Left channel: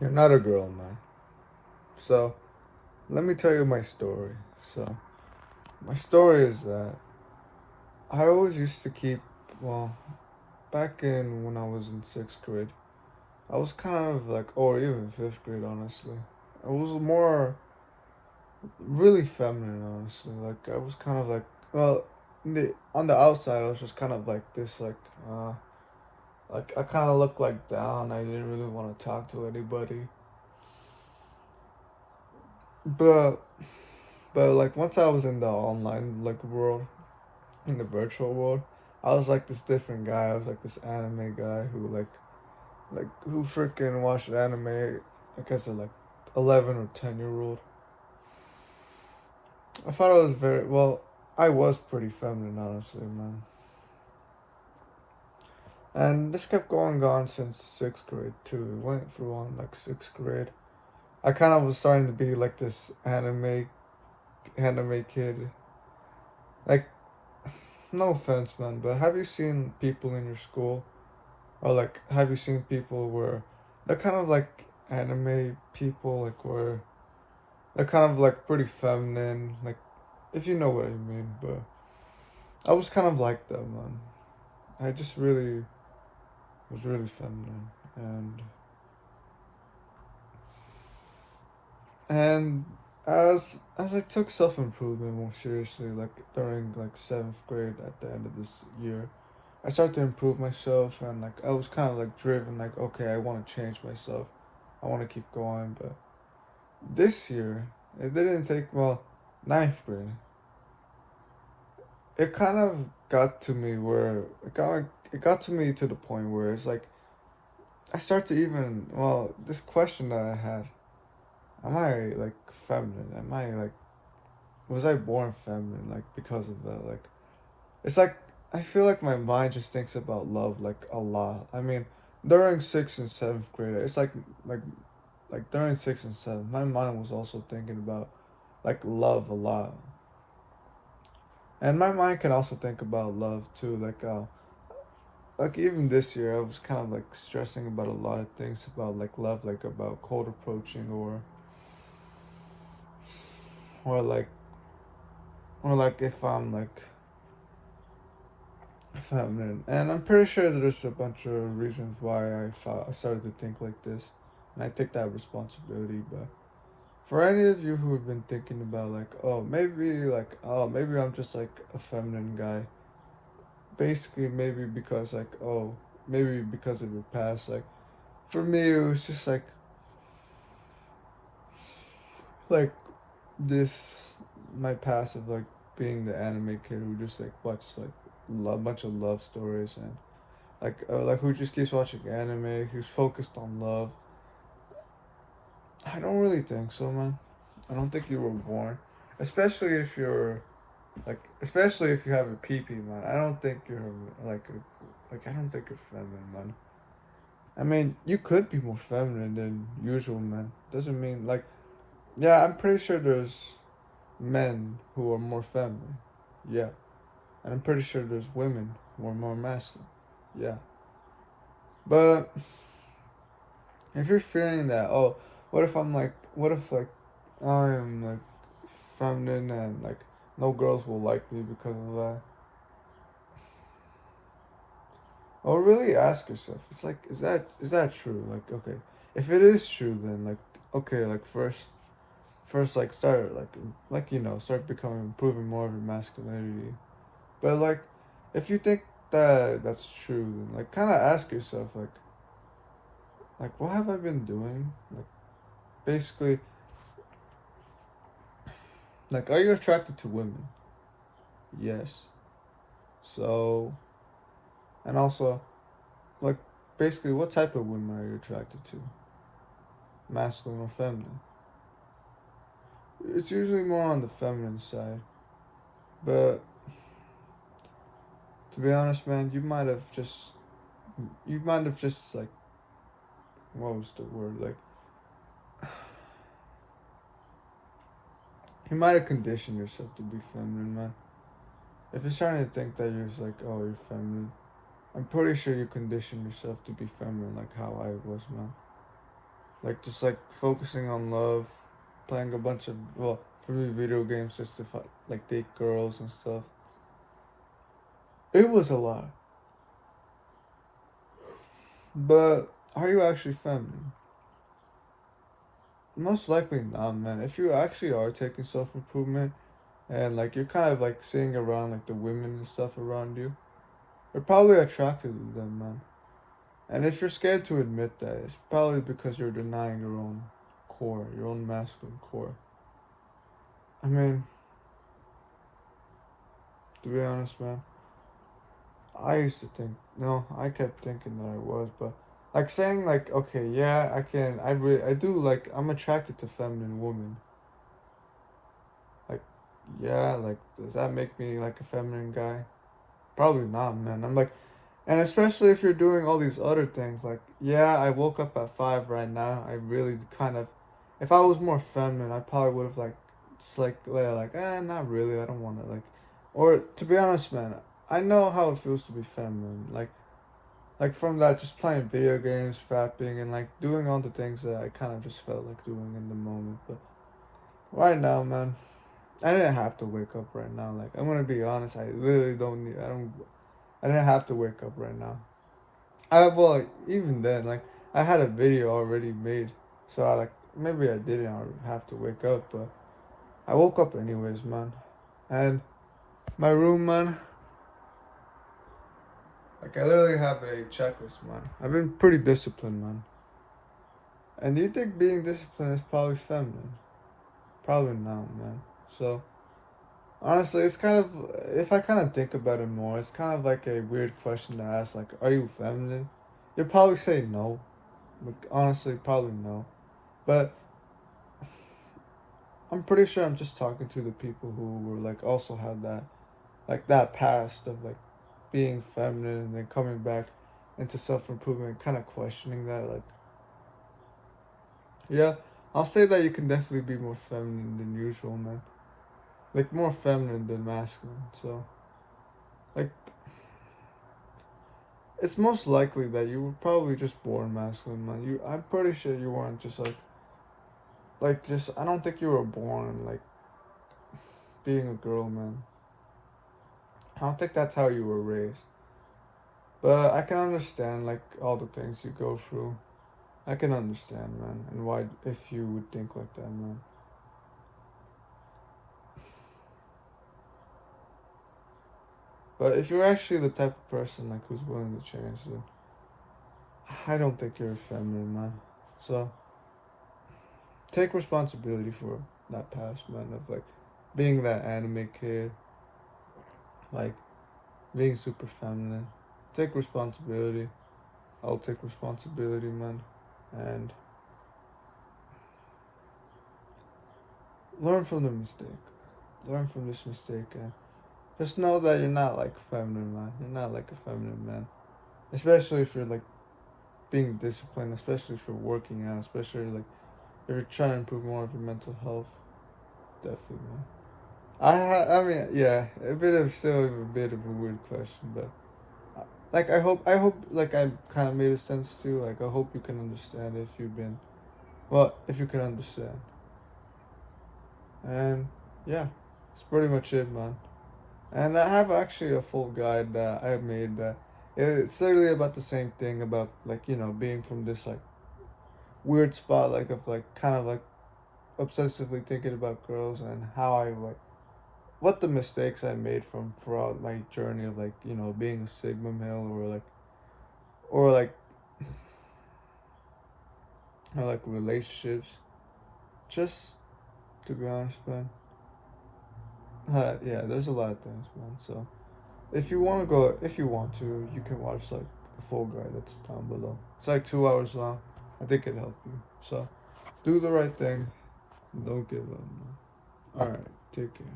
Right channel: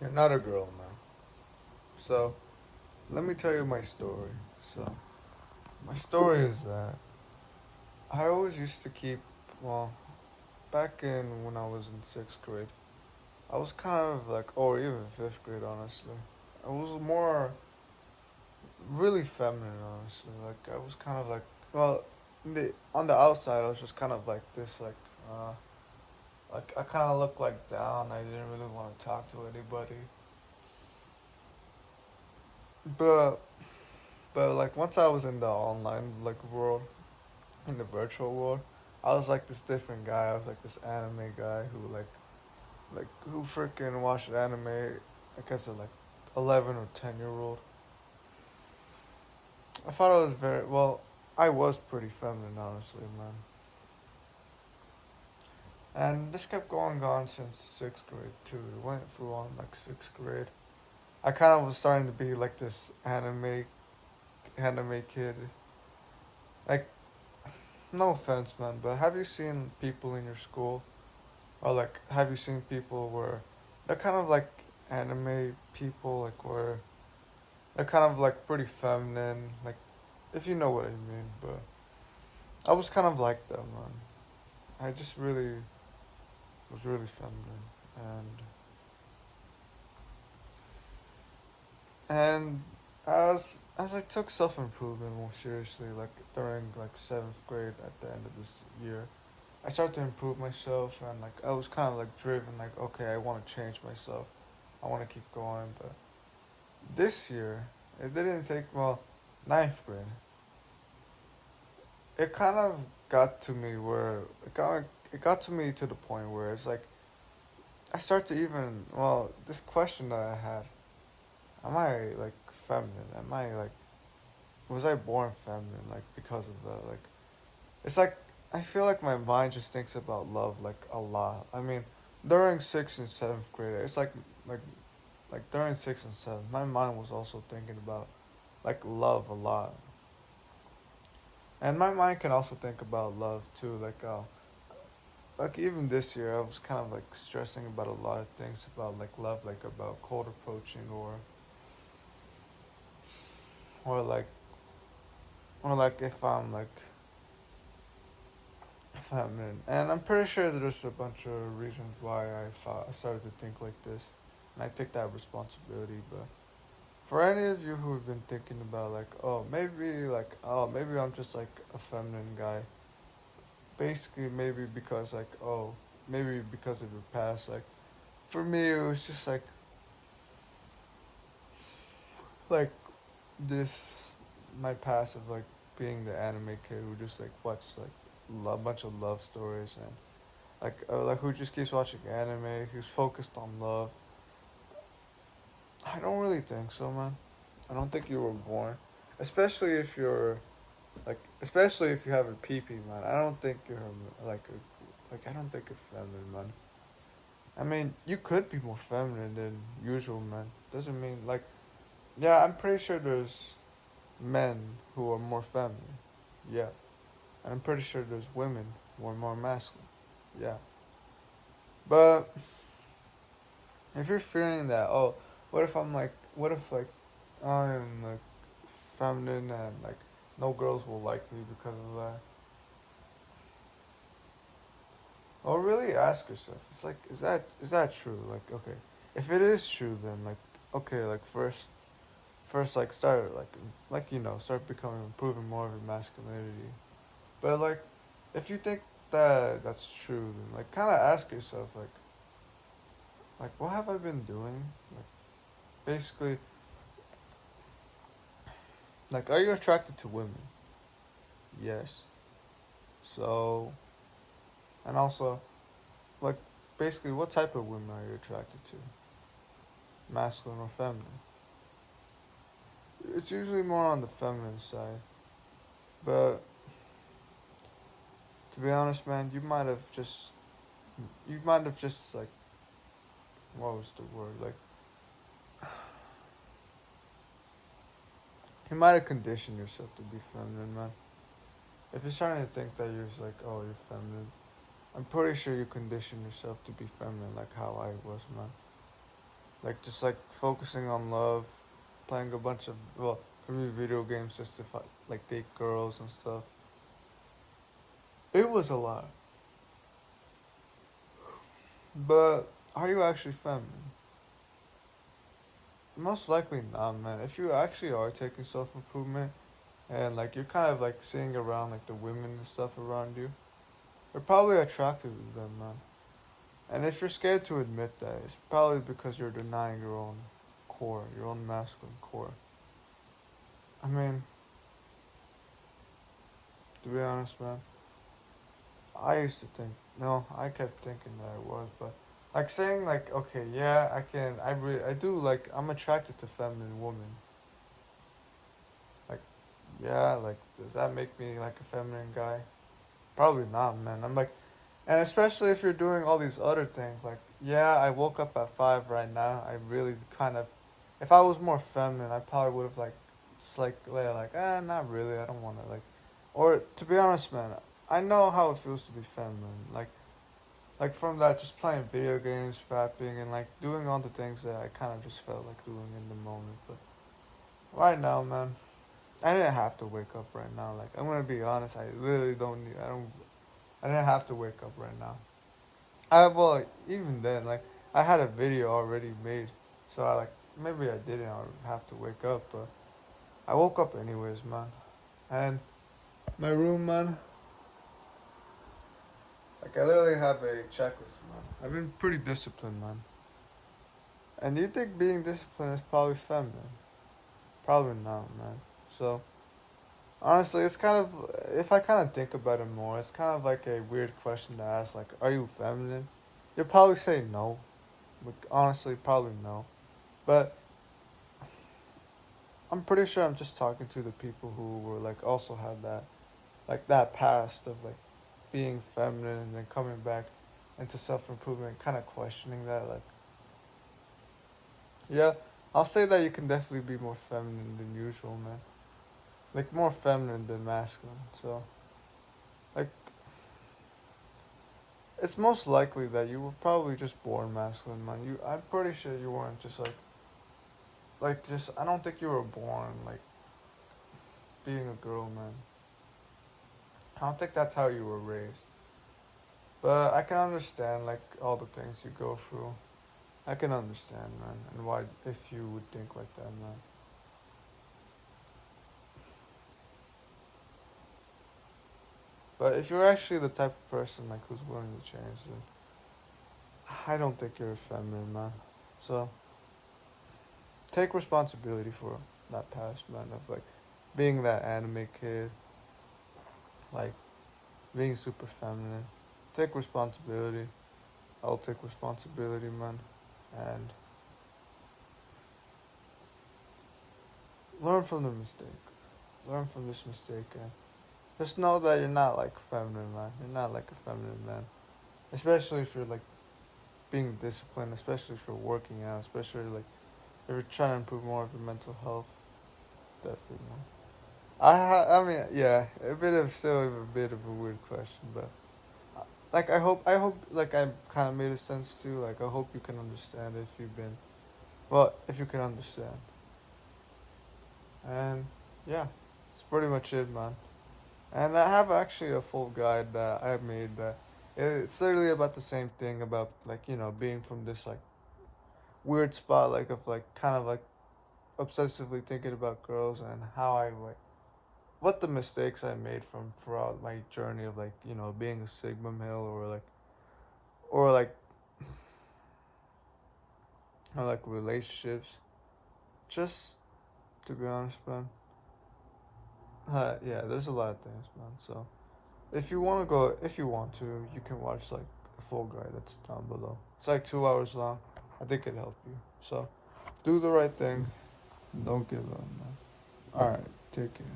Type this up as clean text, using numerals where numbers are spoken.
You're not a girl, man. So, let me tell you my story. So, my story is that I always used to keep, well, back in when I was in sixth grade, I was kind of like, or even fifth grade, honestly. I was more really feminine, honestly. Like, I was kind of like, well, on the outside, I was just kind of like this, like I kind of looked like down. I didn't really want to talk to anybody. But, but like once I was in the online like world, in the virtual world, I was like this different guy. I was like this anime guy who like who freaking watched anime. I guess at like 11 or 10 year old. I thought I was very well. I was pretty feminine, honestly, man. And this kept going on since sixth grade too. It went through on like sixth grade. I kind of was starting to be like this anime kid. Like no offense, man, but have you seen people in your school, or like have you seen people where they're kind of like anime people, like where they're kind of like pretty feminine, like if you know what I mean. But I was kind of like that, man. I just really was really feminine, and as I took self improvement more seriously, like during like seventh grade at the end of this year, I started to improve myself, and like I was kind of like driven, like okay, I want to change myself, I want to keep going. But this year, it didn't take well, ninth grade. It kind of got to me where it got to me to the point where it's like I start to even this question that I had: Am I like feminine? Am I like was I born feminine? Like because of that, like it's like I feel like my mind just thinks about love like a lot. I mean, during sixth and seventh grade, it's like like during sixth and seventh, my mind was also thinking about like love a lot, and my mind can also think about love too. Like even this year, I was kind of like stressing about a lot of things about like love, like about cold approaching or like or like if I'm like feminine, and I'm pretty sure there's a bunch of reasons why I started to think like this, and I take that responsibility. But for any of you who have been thinking about oh maybe I'm just like a feminine guy, basically maybe because like maybe because of your past, like for me it was just like this my past of like being the anime kid who just like watched like a bunch of love stories and like who just keeps watching anime, who's focused on love. I don't really think so, man. I don't think you were born, especially if you're especially if you have a PP, man. I don't think you're I don't think you're feminine, man. I mean, you could be more feminine than usual, man. Doesn't mean like, yeah, I'm pretty sure there's men who are more feminine, yeah, and I'm pretty sure there's women who are more masculine, yeah. But if you're feeling that, what if like I'm like feminine and like no girls will like me because of that? Or really ask yourself, it's like, is that true? Like, okay, if it is true, then like, okay, like first like start start becoming improving more of your masculinity. But like, if you think that that's true, then like kind of ask yourself like what have I been doing? Like basically, like are you attracted to women? Yes. So and also like basically, what type of women are you attracted to? Masculine or feminine? It's usually more on the feminine side. But to be honest, man, you might have just like what was the word? Like you might have conditioned yourself to be feminine, man. If you're starting to think that you're just like, oh, you're feminine, I'm pretty sure you conditioned yourself to be feminine, like how I was, man. like just like focusing on love, playing a bunch of, well, for me, video games just to like date girls and stuff. It was a lot. But are you actually feminine? Most likely not, man. If you actually are taking self improvement and like you're kind of like seeing around like the women and stuff around you, you're probably attracted to them, man. And if you're scared to admit that, it's probably because you're denying your own core, your own masculine core. I mean, to be honest, man, I used to think, no, I kept thinking that I was, but like saying like, okay, yeah, I do like, I'm attracted to feminine women. Like, yeah, like, does that make me like a feminine guy? Probably not, man. I'm like, and especially if you're doing all these other things, like, yeah, I woke up at 5 right now. I really kind of, if I was more feminine, I probably would have, like, just like, not really. I don't want to, like, or to be honest, man, I know how it feels to be feminine. Like from that, just playing video games, fapping, and, like, doing all the things that I kind of just felt like doing in the moment. But right now, man, I didn't have to wake up right now. Like, I'm gonna be honest, I really don't need, I didn't have to wake up right now. Well, even then, like, I had a video already made, so I, like, maybe I didn't have to wake up, but I woke up anyways, man. And my room, man, like, I literally have a checklist, man. I've been pretty disciplined, man. And do you think being disciplined is probably feminine? Probably not, man. So, honestly, it's kind of, if I kind of think about it more, it's kind of like a weird question to ask, like, are you feminine? You'd probably say no. But honestly, probably no. But I'm pretty sure I'm just talking to the people who were like also had that, like, that past of like being feminine and then coming back into self improvement, kind of questioning that. Like, yeah, I'll say that you can definitely be more feminine than usual, man. Like, more feminine than masculine. So, like, it's most likely that you were probably just born masculine, man. I'm pretty sure you weren't just just, I don't think you were born like being a girl, man. I don't think that's how you were raised. But I can understand like all the things you go through. I can understand, man, and why if you would think like that, man. But if you're actually the type of person like who's willing to change, you, I don't think you're a feminine, man. So take responsibility for that past, man, of like being that anime kid, like being super feminine. Take responsibility. I'll take responsibility, man, and learn from the mistake. Learn from this mistake, and just know that you're not like feminine, man. You're not like a feminine man, especially if you're like being disciplined, especially if you're working out, especially like if you're trying to improve more of your mental health. Definitely, man. I mean, yeah, still a bit of a weird question, but like I hope like I kind of made a sense too. Like, I hope you can understand if you've been, well, if you can understand. And yeah, it's pretty much it, man. And I have actually a full guide that I made that it's literally about the same thing about, like, being from this like weird spot, like, of like kind of like obsessively thinking about girls, and how I like what the mistakes I made from throughout my journey of like, being a Sigma male, or like or like relationships. Just to be honest, man. Yeah, there's a lot of things, man. So if you want to, you can watch like the full guide that's down below. It's like 2 hours long. I think it'd help you. So do the right thing. Don't give up, man. All right, take care.